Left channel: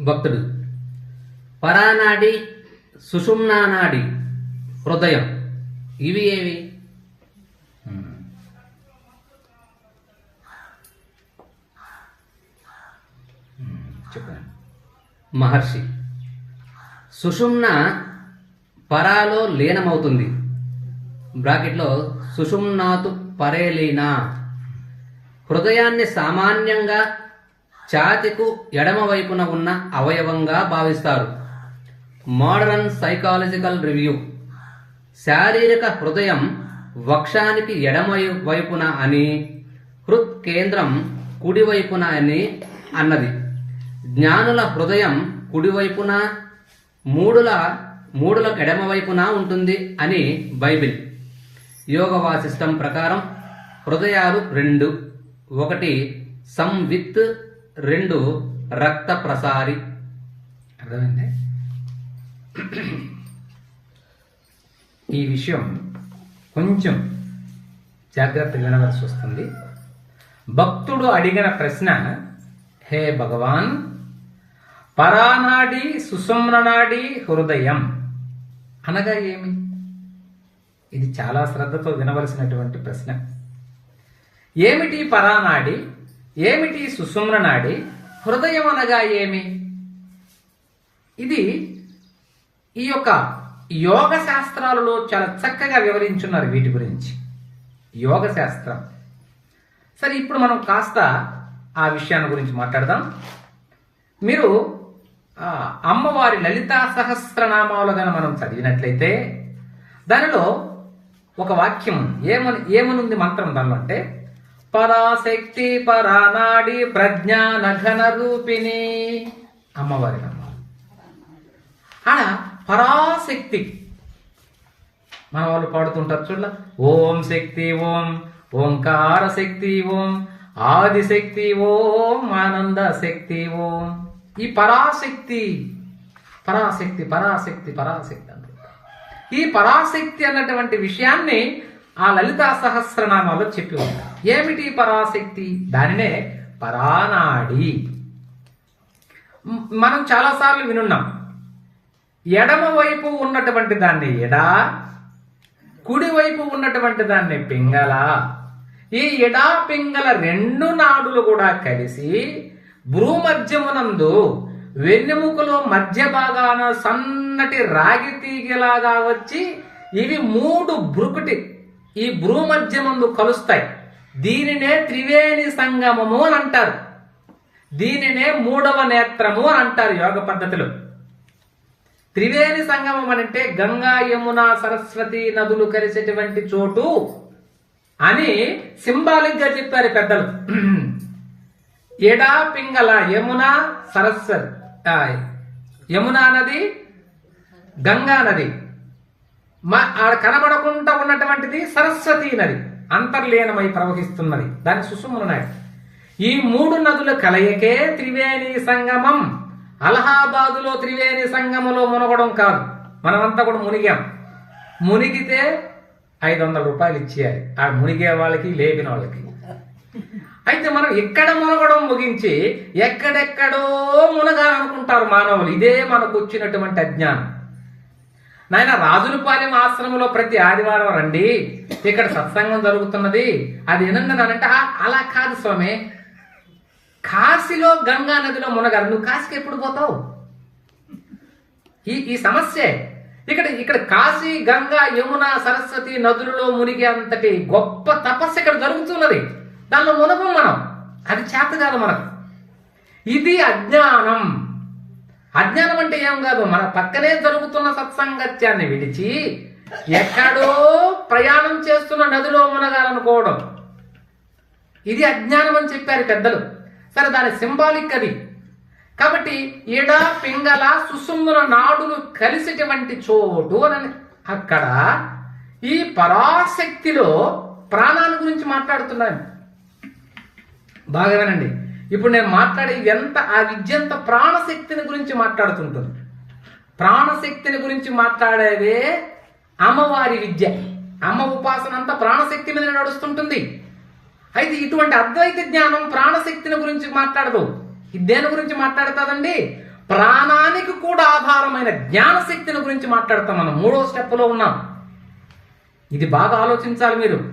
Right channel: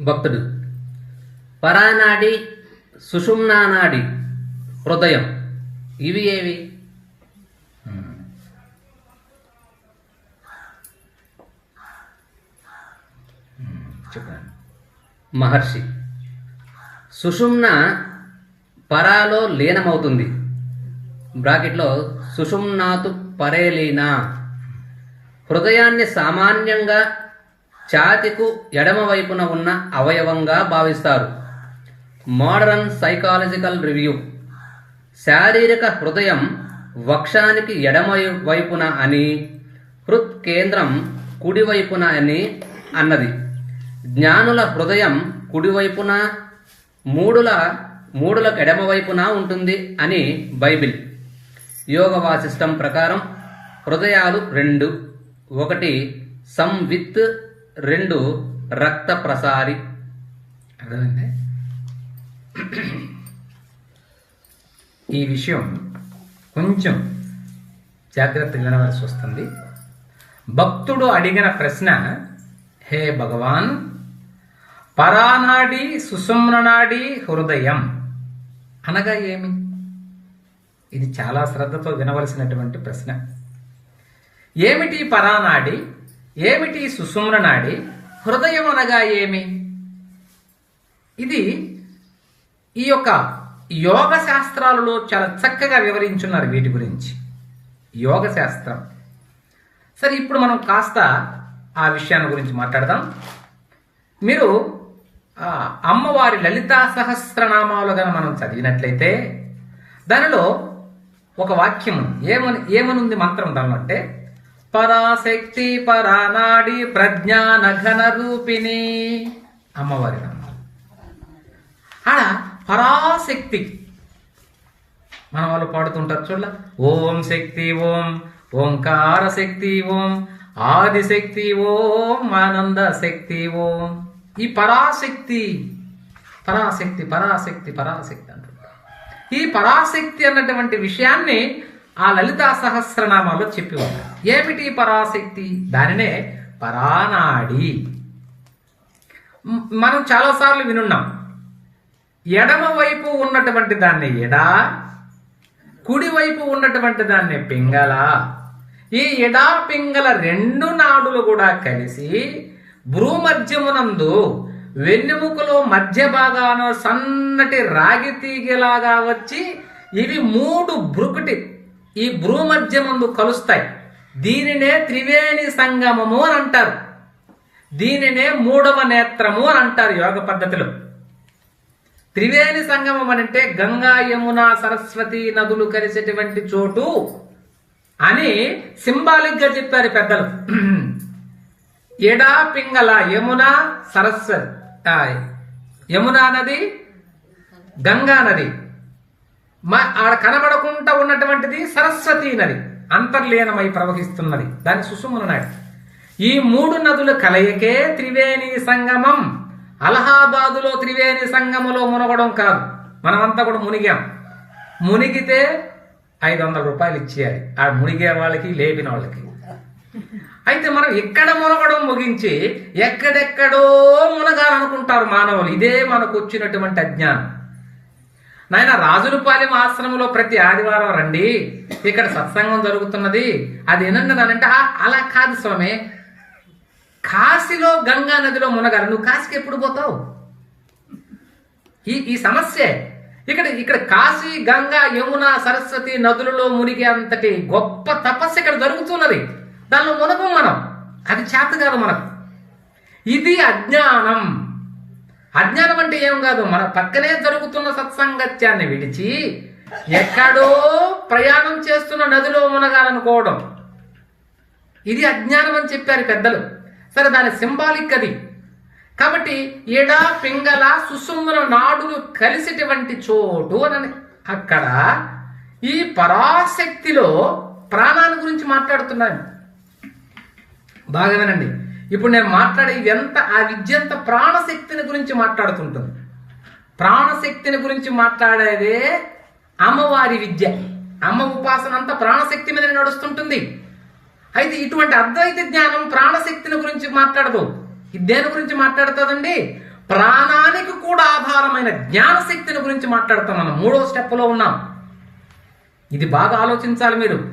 భక్తుడు. పరానాడి సుషుమ్నానాడి హృదయం. ఇవి ఏవి? మహర్షి. సుషుమ్న పరాలో లీనమవుతుంది. బ్రాకెట్లో సుషుమ్నాతు పరే లీనా. హృదయాన్ని సామాన్యంగా ఛాతికు ఎడమ వైపున ఉన్న అవయవంగా భావిస్తారు. Modern psychological review. శారీరక హృదయం వక్షానికి ఎడమ వైపున అని హృత్ కేంద్రం కుడివైపున అని అన్నది. జ్ఞానుల హృదయం కుడివైపున మూడుల మూడుల ఎడమవైపున ఉంటుంది అని బైబిల్. యోగ సిస్టమ్ ప్రకారం హృదయాలు రెండు ఒకటి సంవిత్ రెండు రక్త ప్రసారి అర్థమైంది? ఈ విషయం కొంచెం జాగ్రత్త వినవలసి వస్తుంది. భక్తుడు అడిగిన ప్రశ్న హే భగవాన్ పరానాడి సుషుమ్ననాడి హృదయం అనగా ఏమి? ఇది చాలా శ్రద్ధతో వినవలసినటువంటి ప్రశ్న. ఏమిటి పరానాడి? ఏమిటి సుషుమ్ననాడి హృదయం అనగా ఏమి? ఇది ఈ యొక్క యోగ శాస్త్రాలలో చాలా చక్కగా వివరించున్నారు వీటి గురించి. యోగ శాస్త్రం. సరే ఇప్పుడు మనం కాస్త ఆ విషయాన్ని గురించి మాట్లాడదాం. మీరు అమ్మవారి లలితా సహస్రనామాలు గన మనం చదివినట్లయితే దానిలో ఒక వాక్యం ఏమని ఏమనుంది మంత్రం దానిలో అంటే పరాశక్తి పరానాడి ప్రజ్ఞాన ఘన రూపిణి అమ్మవారి నామాలు ఆడ పరాశక్తి. మన వాళ్ళు పాడుతుంటారు చూడ ఓం శక్తి ఓం ఓంకార శక్తి ఓం ఆదిశక్తి ఓం ఆనంద శక్తి ఓం. ఈ పరాశక్తి పరాశక్తి పరాశక్తి పరాశక్తి అంటారు. ఈ పరాశక్తి అన్నటువంటి విషయాన్ని ఆ లలితా సహస్రనామాలో చెప్పి ఉంటారు. ఏమిటి పరాశక్తి? దానినే పరానాడి. మనం చాలాసార్లు వినున్నాం. ఎడమ వైపు ఉన్నటువంటి దాన్ని ఎడ కుడి వైపు ఉన్నటువంటి దాన్ని పింగళ. ఈ ఎడా పింగళ రెండు నాడులు కూడా కలిసి భ్రూమధ్యమునందు వెన్నెముకలో మధ్య భాగాన సన్నటి రాగి తీగలాగా వచ్చి ఇవి మూడు బ్రుకుటి ఈ భ్రూమధ్యమందు కలుస్తాయి. దీనినే త్రివేణి సంగమము అని అంటారు. దీనినే మూడవ నేత్రము అని అంటారు యోగ పద్ధతిలో. త్రివేణి సంగమం అని అంటే గంగా యమున సరస్వతి నదులు కలిసేటువంటి చోటు అని సింబాలిక్గా చెప్పారు పెద్దలు. ఎడా పింగళ యమున సరస్వతి యమునా నది గంగా నది. మా ఆడ కనబడకుండా ఉన్నటువంటిది సరస్వతి నది. అంతర్లీనమై ప్రవహిస్తున్నది. దాని సుసుమున ఈ మూడు నదుల కలయికే త్రివేణి సంగమం. అలహాబాదులో త్రివేణి సంగములో మునగడం కాదు. మనమంతా కూడా మునిగాం. మునిగితే ఐదు వందల రూపాయలు ఇచ్చేయాలి. ఆ మునిగే వాళ్ళకి లేపిన వాళ్ళకి. అయితే మనం ఎక్కడ మునగడం ముగించి ఎక్కడెక్కడో మునగాలనుకుంటారు మానవులు. ఇదే మనకు వచ్చినటువంటి అజ్ఞానం. నాయన రాజులపాలెం ఆశ్రమంలో ప్రతి ఆదివారం రండి. ఇక్కడ సత్సంగం జరుగుతున్నది. అది ఏనన్నదానంటే అలా కాదు స్వామి. కాశీలో గంగా నదిలో మునగారు నువ్వు కాశీకి ఎప్పుడు పోతావు? ఈ ఈ సమస్యే. ఇక్కడ ఇక్కడ కాశీ గంగా యమున సరస్వతి నదులలో మునిగే అంతటి గొప్ప తపస్సు ఇక్కడ జరుగుతున్నది. దానిలో మునగం మనం. అది చేతగాదు మనకు. ఇది అజ్ఞానం. అజ్ఞానం అంటే ఏం కాదు మన పక్కనే జరుగుతున్న సత్సంగత్యాన్ని విడిచి ఎక్కడో ప్రయాణం చేస్తున్న నదిలో మునగాలనుకోవడం. ఇది అజ్ఞానం అని చెప్పారు పెద్దలు. సరే దాని సింబాలిక్ అది. కాబట్టి ఎడ పింగళ సుసుమ్మున నాడులు కలిసినటువంటి చోటు అని అక్కడ ఈ పరాశక్తిలో ప్రాణాన్ని గురించి మాట్లాడుతున్నాను. బాగా వినండి. ఇప్పుడు నేను మాట్లాడే ఎంత ఆ విద్య అంత ప్రాణశక్తిని గురించి మాట్లాడుతుంటుంది. ప్రాణశక్తిని గురించి మాట్లాడేదే అమ్మవారి విద్య. అమ్మ ఉపాసన అంతా ప్రాణశక్తి మీద నడుస్తుంటుంది. అయితే ఇటువంటి అద్వైత జ్ఞానం ప్రాణశక్తిని గురించి మాట్లాడదు. దేని గురించి మాట్లాడుతుందండి? ప్రాణానికి కూడా ఆధారమైన జ్ఞానశక్తిని గురించి మాట్లాడతాం మనం. మూడో స్టెప్లో ఉన్నాం. ఇది బాగా ఆలోచించాలి మీరు.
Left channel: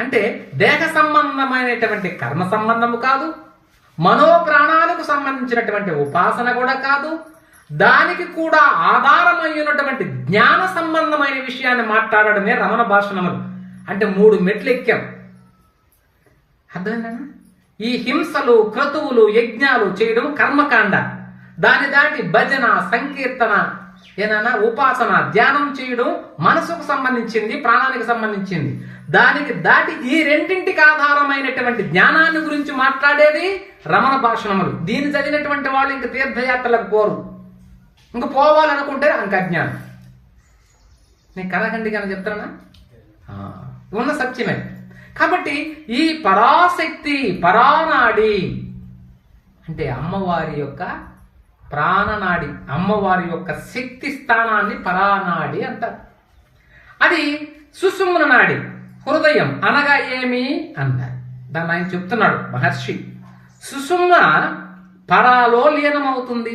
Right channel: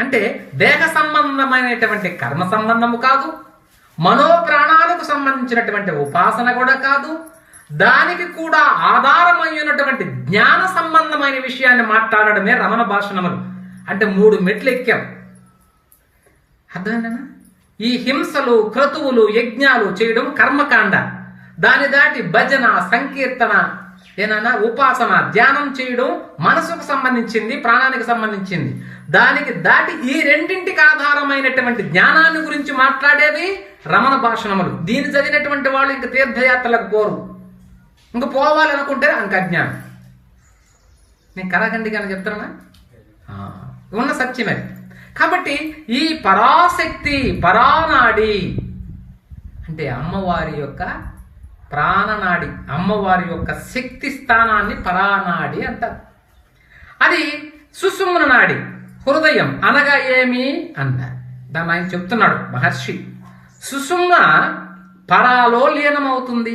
అంటే దేహ సంబంధమైనటువంటి కర్మ సంబంధము కాదు. మనోప్రాణాలకు సంబంధించినటువంటి ఉపాసన కూడా కాదు దానికి కూడా ఆధారమైనటువంటి జ్ఞాన సంబంధమైన విషయాన్ని మాట్లాడడమే రమణ భాషణములు. అంటే మూడు మెట్లు ఎక్కాం. అర్థమైందా ఈ హింసలు క్రతువులు యజ్ఞాలు చేయడం కర్మకాండ. దాని దాటి భజన సంకీర్తన ఏనన్నా ఉపాసన ధ్యానం చేయడం మనసుకు సంబంధించింది ప్రాణానికి సంబంధించింది. దానికి దాటి ఈ రెండింటికి ఆధారమైనటువంటి జ్ఞానాన్ని గురించి మాట్లాడేది రమణ భాషణములు. దీన్ని చదివినటువంటి వాళ్ళు ఇంక తీర్థయాత్రలకు పోరు. ఇంక పోవాలనుకుంటే అంక అజ్ఞానం. నేను కరాఖండిగానే చెప్తానా చెప్తున్నా ఉన్న సత్యమే. కాబట్టి ఈ పరాశక్తి పరానాడి అంటే అమ్మవారి యొక్క ప్రాణనాడి అమ్మవారి యొక్క శక్తి స్థానాన్ని పరానాడి అంటారు. అది సుసుమ్న నాడి. హృదయం అనగా ఏమి అన్నారు దాన్ని ఆయన చెప్తున్నాడు మహర్షి. సుసుమ్న పరాలో లీనమవుతుంది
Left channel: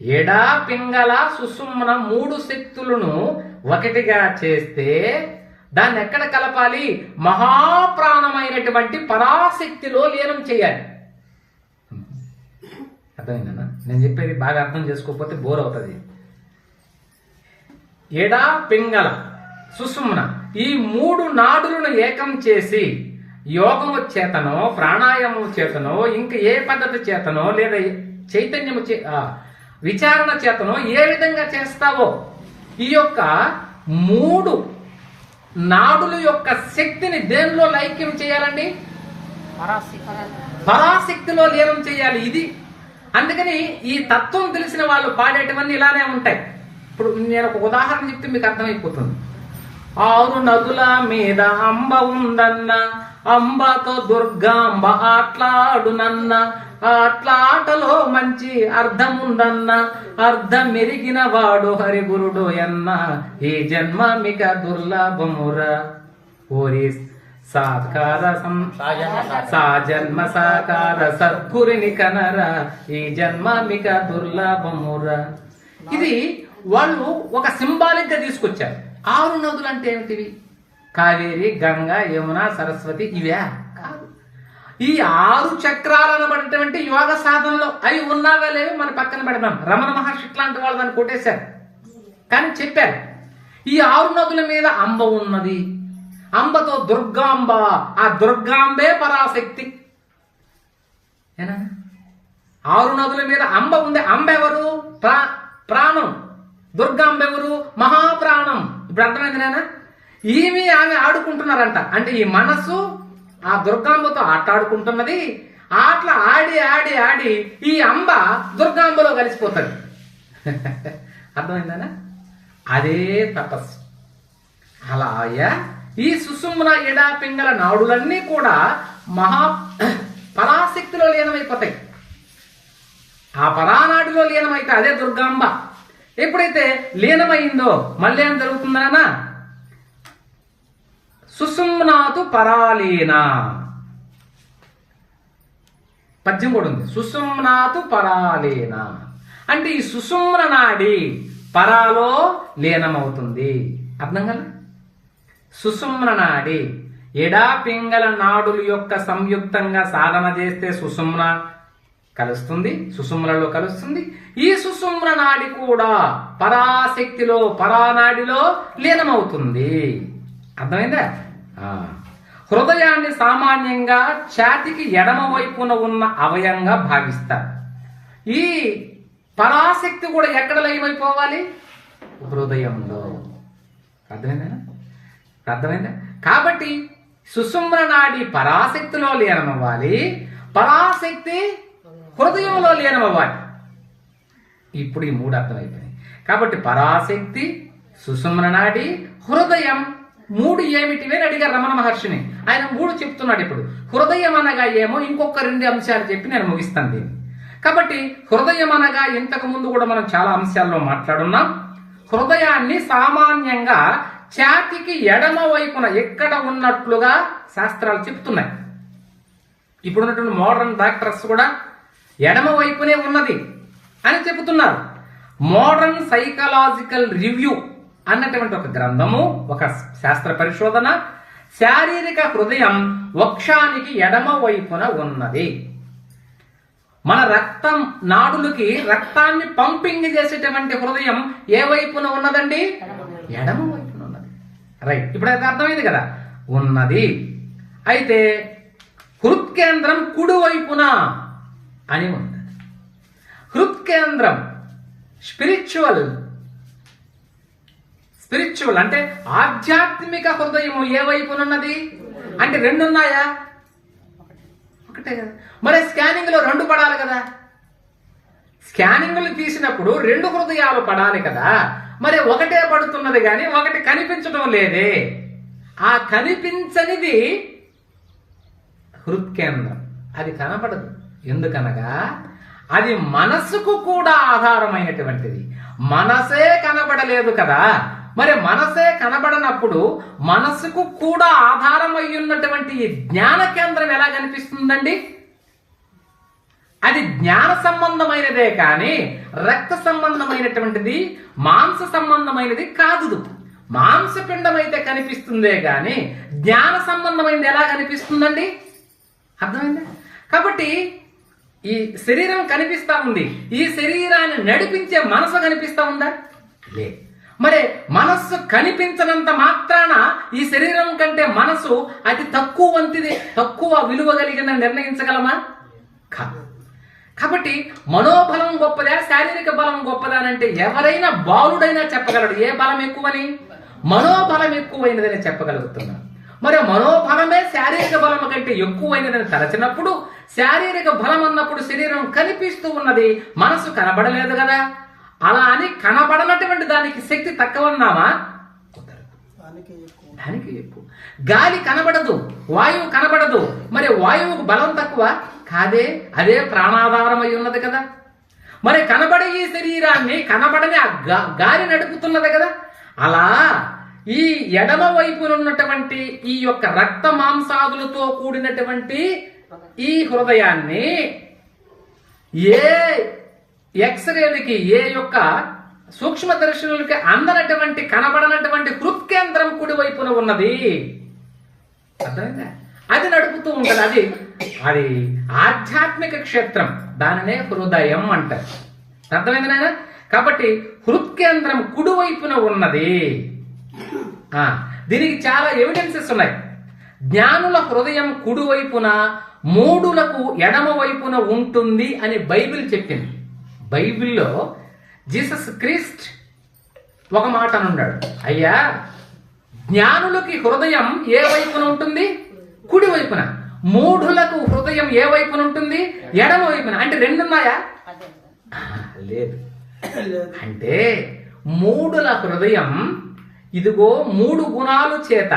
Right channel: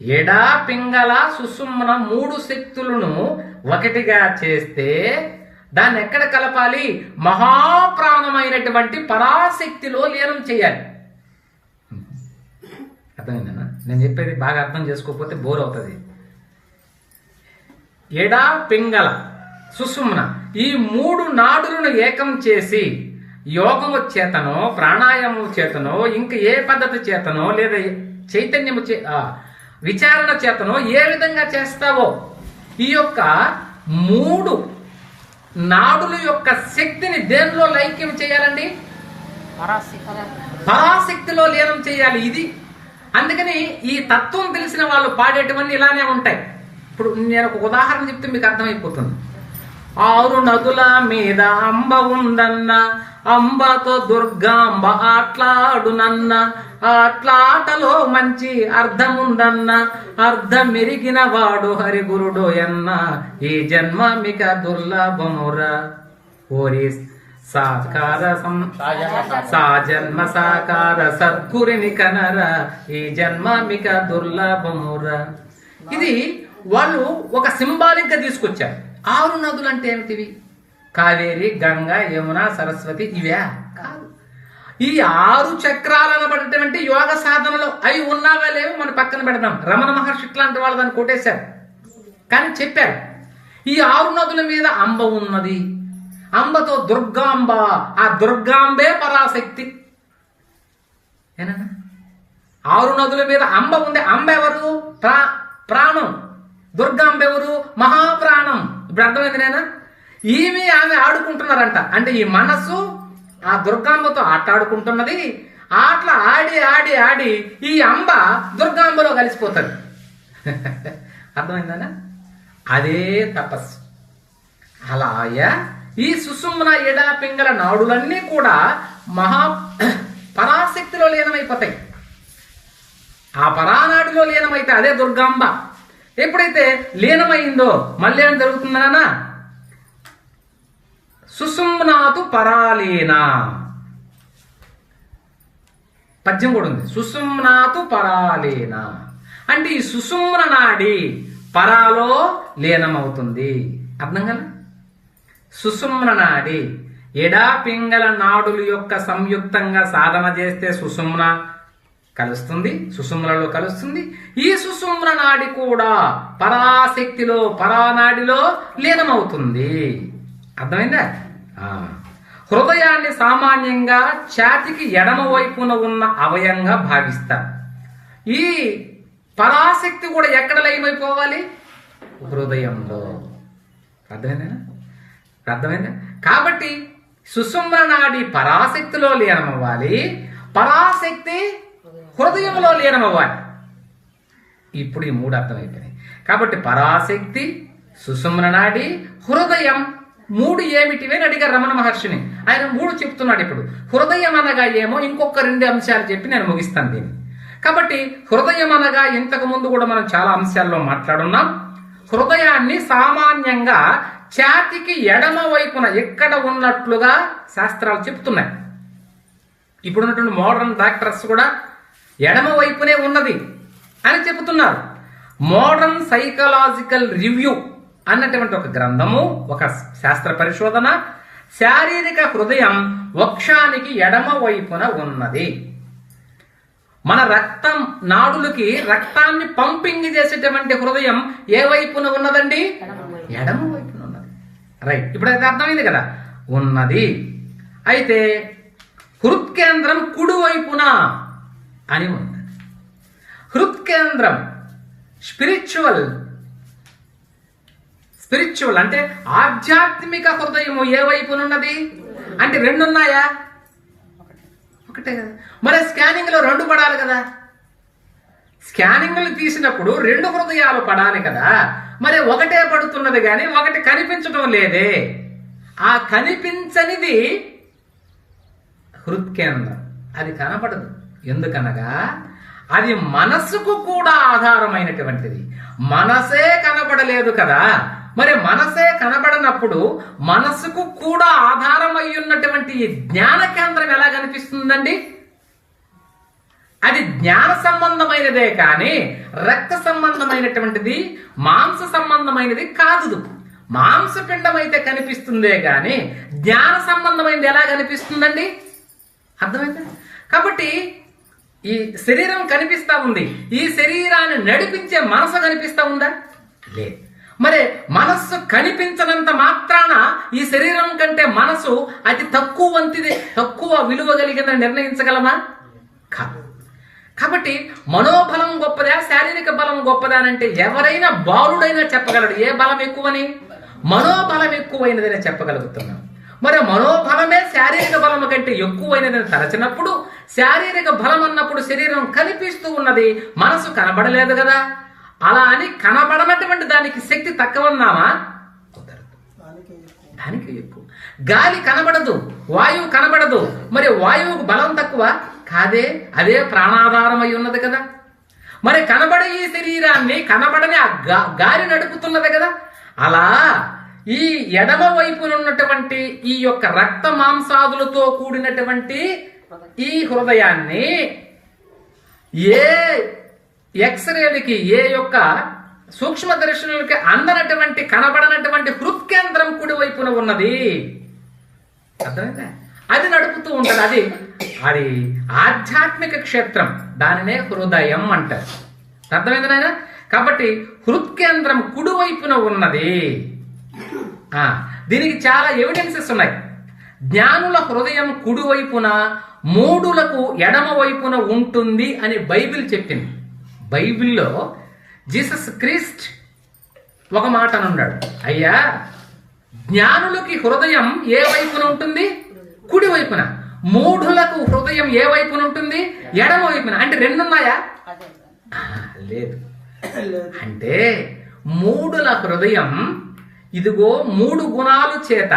ఎడా పింగళ సుసుమ్న మూడు శక్తులను ఒకటిగా చేస్తే దాన్ని ఎక్కడ కలపాలి? మహాప్రాణమైనటువంటి పరాశక్తిలో లీనం చేయాలి. అర్థమైందన్నా నేను చెప్పేది బాగా అర్థం చేసుకోకపోతే బోర్ అవుతుంది. ఎడా పింగళ సుసుమ్న ఈ మూడు నాడులను ఏకం చేసి యోగము చేతనో ప్రాణాయామం చేతనో ఇంక ఏ పద్ధతి చేతనో లేదా చైతన్యము చే విచారణ చేతనో ఏ విధంగా చేస్తావో ఈ యొక్క మూడు నాడుల యొక్క శక్తిని దేనిలో లైక్యం చేయాలండి? పరాశక్తిలో లీనం చేయాలి ఇది. అందుకని ఈ తత్వం తెలిసిన వాళ్ళు పాడేటివన్నీ ఇలానే ఉంటాయి. ఇప్పుడు నేను ఒక ఉదాహరణ చెప్తే మీకు అర్థమైపోతుంది. ఆరు నదుల మీద అంబ ఉందన్న అంబతో దుర్గాంబ ఆట్లాడునన్న. ఆట్లాటలో మంచి అర్థం ఉందన్న అర్థం మెరిగిన వాడు హరిగురుడు అన్న ఈ జన్మ మిక దుర్లభమురా. ఓరి సాకార సాజన్మ సాకార సద్గురిని కనర. ఈ జన్మ మిక దుర్లభమురా. ఇది వాళ్ళు ఒక సింబాలిక్గా తీసుకొచ్చారు. ఆరు నదులు అంటే ఏమిటివి? కావేరి గంగ యమున సరస్వతి ఇవే. కాదు. ఈ ఆరు చక్రాలు అనబడేటువంటి యోగ సాధనలో అవి ఉన్నావా లేవో మన పక్కన పెడదాం. రమణ మహర్షి ఇట్లాంటి వాళ్ళు దాన్ని కొట్టేశారు. కానీ చెప్పారు ఈ ఆరు నదుల మీద అంబ ఉన్నది. అంబతో దుర్గాంబ ఆ దుర్గాంబే పరాశక్తి. ఏనా? ఆరు నదుల మీద అంబ ఉంది. అంబ ఎవరు ప్రా ప్రాణం. దుర్గాంబ ఎవరు మహాప్రాణం. ఇప్పుడు అర్థమైంది నేనా ఈమె ఆమె ఆడుకుంటున్నారంట. అంటే ఈ మనస్సు ఆ దుర్గాంబతో ఆట ఆడుకుంటున్నది ఆటల ఆడి ఆడి ఆడి ఈ అంబ దుర్గాంబలో కలిసిపోతుంది. అర్థమైందనా? అదే తపస్సు. అలాయ ఈ సుసుమ్న ఎడా పింగల నాడులన్నీ కూడా మహా పరాశక్తిలో లీనమైపోతాయి. ఆ పరానాడిలో లీనమైతే అదే దుర్గాంబ. ఎప్పుడైతే లీనమైందో మళ్ళీ ఏం జరుగుతుందానా సుసుమ్నాతు పరాలీన. పద్యం కూడా ఉంది. సుసుమ్నాతు పరాలీన. అంటే ఈ సుసుమ్న నాడి పరాలో లీనమవుతుంది. అర్థం కదా? సుసుమ్న నాడి ఎడా పింగళ నాడుల యొక్క సంయుక్తంగా సాధన చేస్తే సుసుమ్న కలుస్తుంది సుసుమ్లలో కలుస్తుంది. ఈ సుసుమ్న నాడి కూడా పరాశక్తిలో పరానాడిలో లీనమవుతుంది. అర్థమైందా? హృదయాన్ని సామాన్యంగా ఛాతికి ఎడమ వైపున ఉన్న అవయంగా భావిస్తారు. ఈ పరాశక్తి కూడా ఎక్కడ లయమైపోవాలి హృదయంలో. అర్థమైందా? అర్థమైందా? కాబట్టి సుసుమ్న నాడి పరాశక్తిలో లీనమవ్వాలి. పరాశక్తి హృదయంలో లీనమవ్వాలి ఇప్పుడు ఈ మూడు అర్థమైపోయినాయి. కాబట్టి పరాశక్తి సుసుమ్న నాడి హృదయం మూడు ఏమిటివి అని అడిగారు రమణ మహర్షిని. ఆయన మూడు చెప్తున్నాడు ఇప్పుడు. హృదయం అనగా ఏమో ఇంకొక రెండు అంశాలు చెప్పి నేను ముగిస్తాను దీన్ని. కాబట్టి హృదయం అనగా ఇంతకు ముందు కూడా మనం చాలా అంశాల్లో మాట్లాడున్నాం. హృదయాన్ని సామాన్యంగా ఛాతికి ఎడమ వైపున ఎక్కడ ఉన్నట్లుగా శాస్త్రాలు చెప్తున్నాయి. ఇప్పుడున్నటువంటి మోడర్న్ డాక్టర్స్ కూడా ఎడమ వైపునే ఉన్నది అని చెబుతున్నారు. మోడర్న్ సైకలాజికల్ రివ్యూ అన్నటువంటి ఒక గ్రంథము ఒక శాస్త్ర పరిశోధన శారీరక హృదయం వక్షానికి ఎడమ వైపున ఉన్నది. మన రక్తం నాడులకి రక్తాన్ని పంపింగ్ చేసేటువంటి హృదయం ఏ వైపున ఉన్నదండి? ఎడమ వైపున ఉన్నది. రైట్ ఇప్పుడు అది అర్థమైంది కదా? ఉన్నది. అయితే హృత్కేంద్రం కుడి వైపున? అని ఉంది హృత్కేంద్రం స్పిరిచువల్ స్పిరిచువల్ అంటే ఆధ్యాత్మిక హృదయము ఏ వైపున ఉన్నది? అంటే రెండు ఉన్నాయా ఒకటే కదా. మరి స్కానింగ్లో రెండు పడాలి కదా. స్కానింగ్లు తీసినప్పుడు రెండు హృదయాలు పడాలి కదా. మరి ఒకటే పడుతున్నది కానీ ఒకటి కనిపించడం లేదే. ఆ కనిపించనిది హృత్కేంద్రం. అది కనపడదు. ఎందుకనగా అది మనస్సుకు కూడా ఆధారమైనటువంటిది. మనసే కనబడలేదు కదా. మరి మనసే కనబడనప్పుడు మనసుకు కూడా ఆధారమై ఉన్నటువంటి ఈ జ్ఞాన కేంద్రం ఎలా కనిపిస్తుందండి? అది జ్ఞాన సంబంధమైనదే కానీ రక్త సంబంధమైనటువంటిది మాంస సంబంధమైనది కాదు మాంసపిండం అయితే కనిపిస్తుందే కానీ జ్ఞాన సంబంధమైనది ఎలా కనిపిస్తుందండి? అర్థమైందా? కాబట్టి ఈ శరీరం కనిపిస్తా ఉంది. ఈ శరీరాన్ని నడిపించే మనసు కనిపిస్తా ఉందా? లేదు మరి మనస్సు కనిపించనంత మాత్రాన ఈ శరీరం కంటే మనసు అతి తక్కువ వంతిది తక్కువ విలువ కలిగిన నిర్ణయించగలమా? కాదు కాబట్టి మనోబలం గొప్పదా శారీరక బలం గొప్పదా అని అంటే ఎవరైనా బాలుడైనా చెప్పగలడు. ఏ బలం ఎక్కువని? మనోబలం ఎక్కువైనదని చెప్పగలుగుతున్నాం. మరి మనోబలమే శారీరక బలం కంటే ఎక్కువైనదని తలచినప్పుడు శారీరక బలం అన్నప్పుడు శరీరం కనిపిస్తూ ఉన్నది మనసు కనబడలేదు కదా. అలా అని కనబడనటువంటి దానికి శక్తి తక్కువన్నామా? కుదరదు. దానికి ఎక్కువ. గాలి కనబడదు వాయువు కనబడదు. మరి వాయువుకు బలం తక్కువ? కాదే అదే ప్రాణాధారం అయి ఉన్నది కదా. మరి కనబడే ఈ శరీరాన్ని కనబడని ఆ గాలి నడుపుతున్నది కదా. అలా ఈ ఎడమ వైపున ఉన్నటువంటి ఈ యొక్క రక్త మాంసాదులతో కూడినటువంటి ఈ హృదయాన్ని ఏ ఎక్స్రేలకి ఏ యొక్క సూక్ష్మ దర్శనులకి అందనటువంటి కనబడనటువంటి హృత్కేంద్రం కుడి వైపున ఉన్నది. అది నడుపుతూ ఉంటది. అది అది ఆధ్యాత్మిక క్షేత్రం. దానినే హృదయం అంటారు. అర్థమైంది నాయన? కాబట్టి హృత్కేంద్రం కుడివైపున ఉన్నది. దీనికి చాలా ఎవిడెన్సెస్ ఉన్నాయి. జ్ఞానుల హృదయం కుడి వైపున మూడులకు ఎడమ వైపున ఉంటుంది అని బైబిల్ చెప్పింది. బైబిల్లో జీసస్ క్రీస్ట్ ఒక మాట అనున్నాడు అయ్యా జ్ఞానులకి హృదయం ఏ వైపున ఉంటుంది? కుడి వైపున మూఢులకు హృదయం ఏ వైపున ఉంటుంది? ఎడమ వైపున అంటే రెండు ఉన్నాయా ఆ, లేదు. అంటే మూడుల హృదయం ఇదిగో మూడు గుణాలు చేత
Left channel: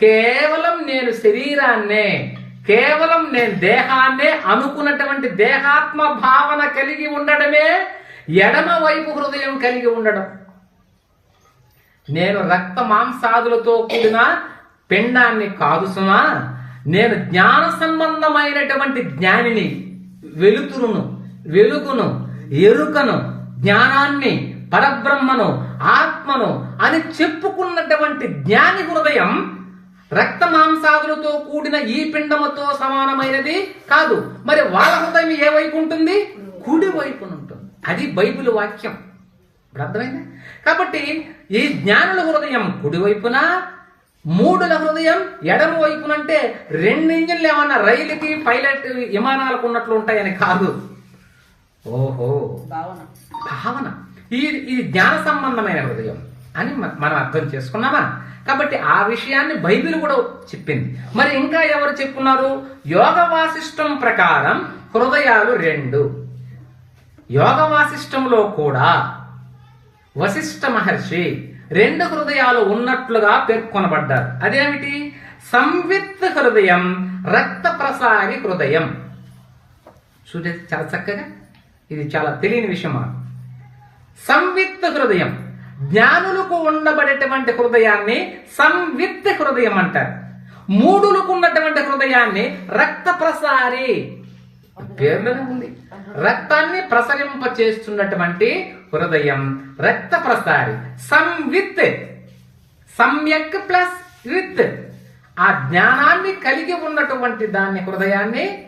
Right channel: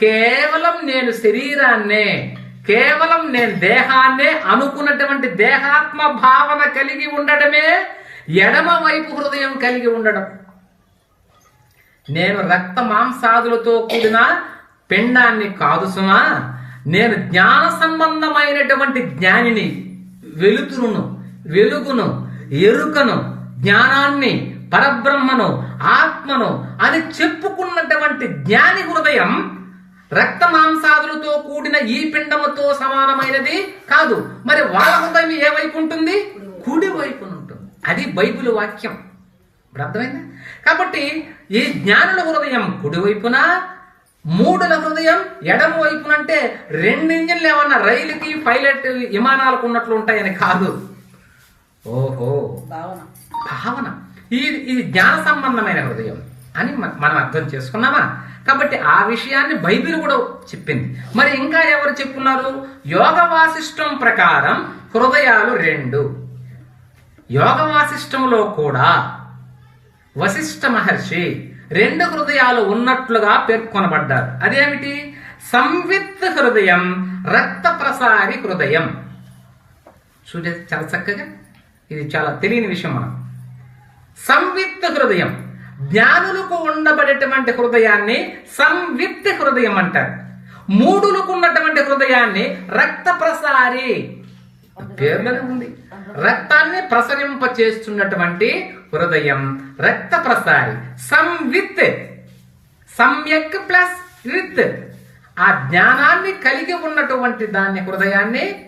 కేవలం నేను శరీరాన్నే కేవలం నేను దేహాన్నే అనుకున్నటువంటి దేహాత్మ భావన కలిగి ఉండడమే ఎడమ వైపు హృదయం కలిగి ఉండడం. నేను రక్త మాంసాదులతో కూడిన పిండాన్ని కాదు సుమా నేను జ్ఞాన సంబంధమైనటువంటి జ్ఞానిని వెలుతురును వెలుగును ఎరుకను జ్ఞానాన్ని పరబ్రహ్మను ఆత్మను అని చెప్పుకున్నటువంటి జ్ఞాని హృదయం రక్త మాంసాదులతో కూడిన ఈ పిండముతో సమానమైనది కాదు. మరి వాళ్ళ హృదయం ఏ వైపు ఉంటుంది? కుడి వైపున ఉంటుంది. అది బైబిల్ వాక్యం. అర్థమైందా? కాబట్టి ఈ జ్ఞానుల హృదయం కుడివైపున మూడుల హృదయం ఎడమ వైపున అంటే రెండు ఇంజిన్లు ఏమన్నా రైలుకి పైలట్ విమానాలకు ఉన్నట్లు ఉంటాయని కాదు. ఓహో. భావన. భావన. ఇది ఇది జ్ఞాన సంబంధమైన హృదయం అని మనం అర్థం చేసుకున్నామా? కాబట్టి ఆ విషయాన్ని బైబిల్ కూడా చెప్పింది. మరి ఇంకా ఎవరు చెప్పున్నారు? యోగ వాసిష్టం ప్రకారం హృదయాలు రెండు. యోగ వాసిష్టంలో కూడా వశిష్ఠ మహర్షి రెండు హృదయాలు ఉన్నట్లుగా పేర్కొనబడ్డారు. అదేమిటి? సంవిత్ హృదయం రక్త ప్రసారి హృదయం. చూడే చాలా చక్కగా? ఇది చాలా తెలియని విషయం మనం సంవిత్ హృదయం. జ్ఞానులకు ఉండబడేటువంటి హృదయాన్ని సంవిత్ హృదయం అంటారు. మూడులకు ఉన్నటువంటి హృదయాన్ని రక్త ప్రసారి పేర్లోనే ఉంది. రక్తాన్ని ప్రసరింప చేస్తున్నటువంటి హృదయం రక్త ప్రసారి సంవిత్. సమ్యక్ ప్లస్ విత్. ఆ జ్ఞానాన్ని కలిగి ఉన్నటువంటి దాన్ని హృదయాన్ని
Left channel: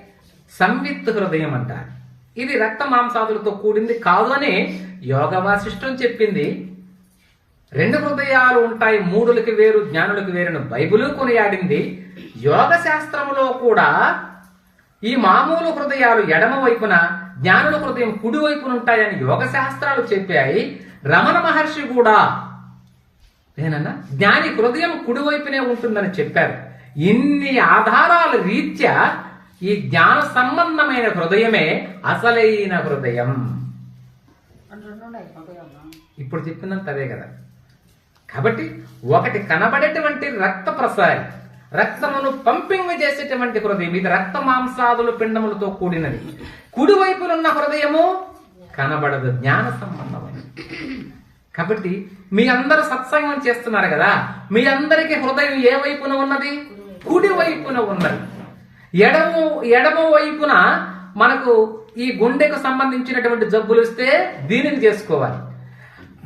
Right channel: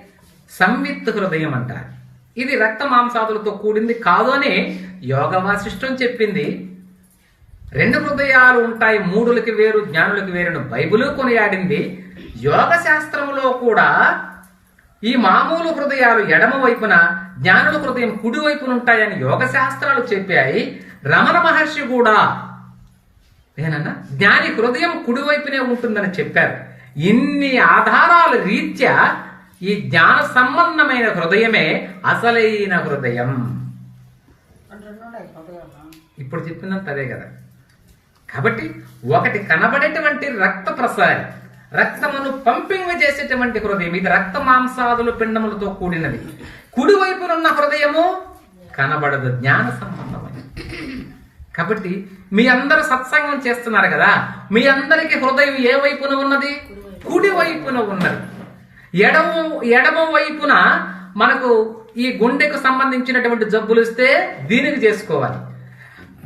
సంవిత్ హృదయం అంటారు. ఇది రక్త మాంసాదులతో కూడింది కాదు అని యోగ వాసిష్టం చెప్పింది. రెండు హృదయాలు ఉంటాయి మూడులకి వేరు జ్ఞానులకి వేరును బైబిల్ కొనియాడింది. యోగ శాస్త్రములో కూడా ఈ మామూలు హృదయాలు ఎడమ వైపున జ్ఞానుల హృదయం కుడి వైపున ఉంటాయని యోగ శాస్త్రాలు చెప్పాయి. రమణ మహర్షి కూడా ఏనన్నా జ్ఞాని హృదయం కుడివైపునే ఉంటుందని చెప్పారు. ఇన్ని ఆధారాల రీత్యా ఈ జ్ఞాన సంబంధమైన హృదయమే అసలైన హృదయం. ఇప్పుడు చెప్పినంత అదే కదా. కాబట్టి ఒకటి కనబడేటువంటి రక్త ప్రసారి రక్తమును పంపింగ్ చేసేటువంటి హృదయం ఇది రక్త మాంసాదులు పిండములతో కూడినది. కుడివైపునున్న హృదయము కనబడదు జ్ఞాన సంబంధమైనది. కాబట్టి మీ అందరూ సత్సంగం చేస్తున్నారు కదా మీ అందరికి హృదయం ఏ వైపున ఉన్నది? కుడి వైపున ఉన్నది. ఎడమ ఎడమ వైపున మనకు ఈ గుండెకు సంబంధించినటువంటి జబ్బులు ఇస్తే దీనికి చేసుకోవాలి.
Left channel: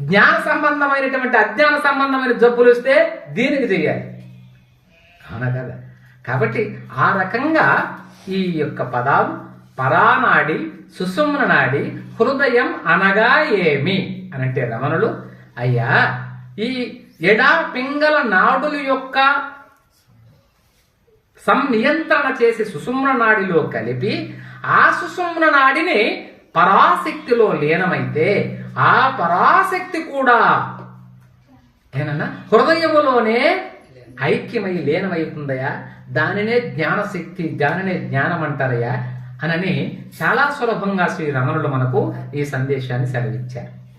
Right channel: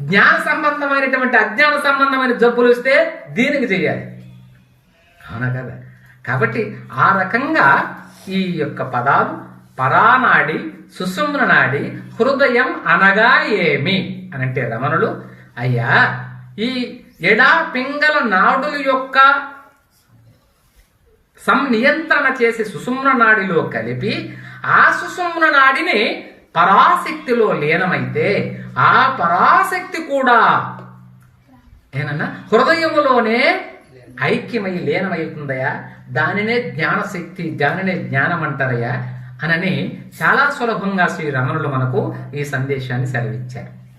జ్ఞాన సంబంధమైనటువంటి అజ్ఞాన సంబంధమైన జబ్బులు ఇస్తే దీనికి చేయాలి అవునా కదా? కాబట్టి ఆ రకంగా ఈ యొక్క పదాలు పరానాడి సుసుమ్న నాడి హృదయం అనగా ఏమి అని అంటే రమణులు అయ్యా ఈ ఎడా పింగళ నాడుల యొక్క సంనియంత్రణ చేసి సుసుమ్న నాడిలో కలిపి ఆ సుసుమ్న నాడిని పరాశక్తిలో లీనమైతే ఆ పరాశక్తి కూడా ఏనన్నా హృదయములోనే ఐక్యమై లీనమవుతుందయా? దానినే జ్ఞానశక్తి దానినే జ్ఞానం అంటారయ్యా అనని చాలా సులభంగా శ్రీ రమణులు మనకు ఈ సందేశాన్ని సెలవిచ్చారు.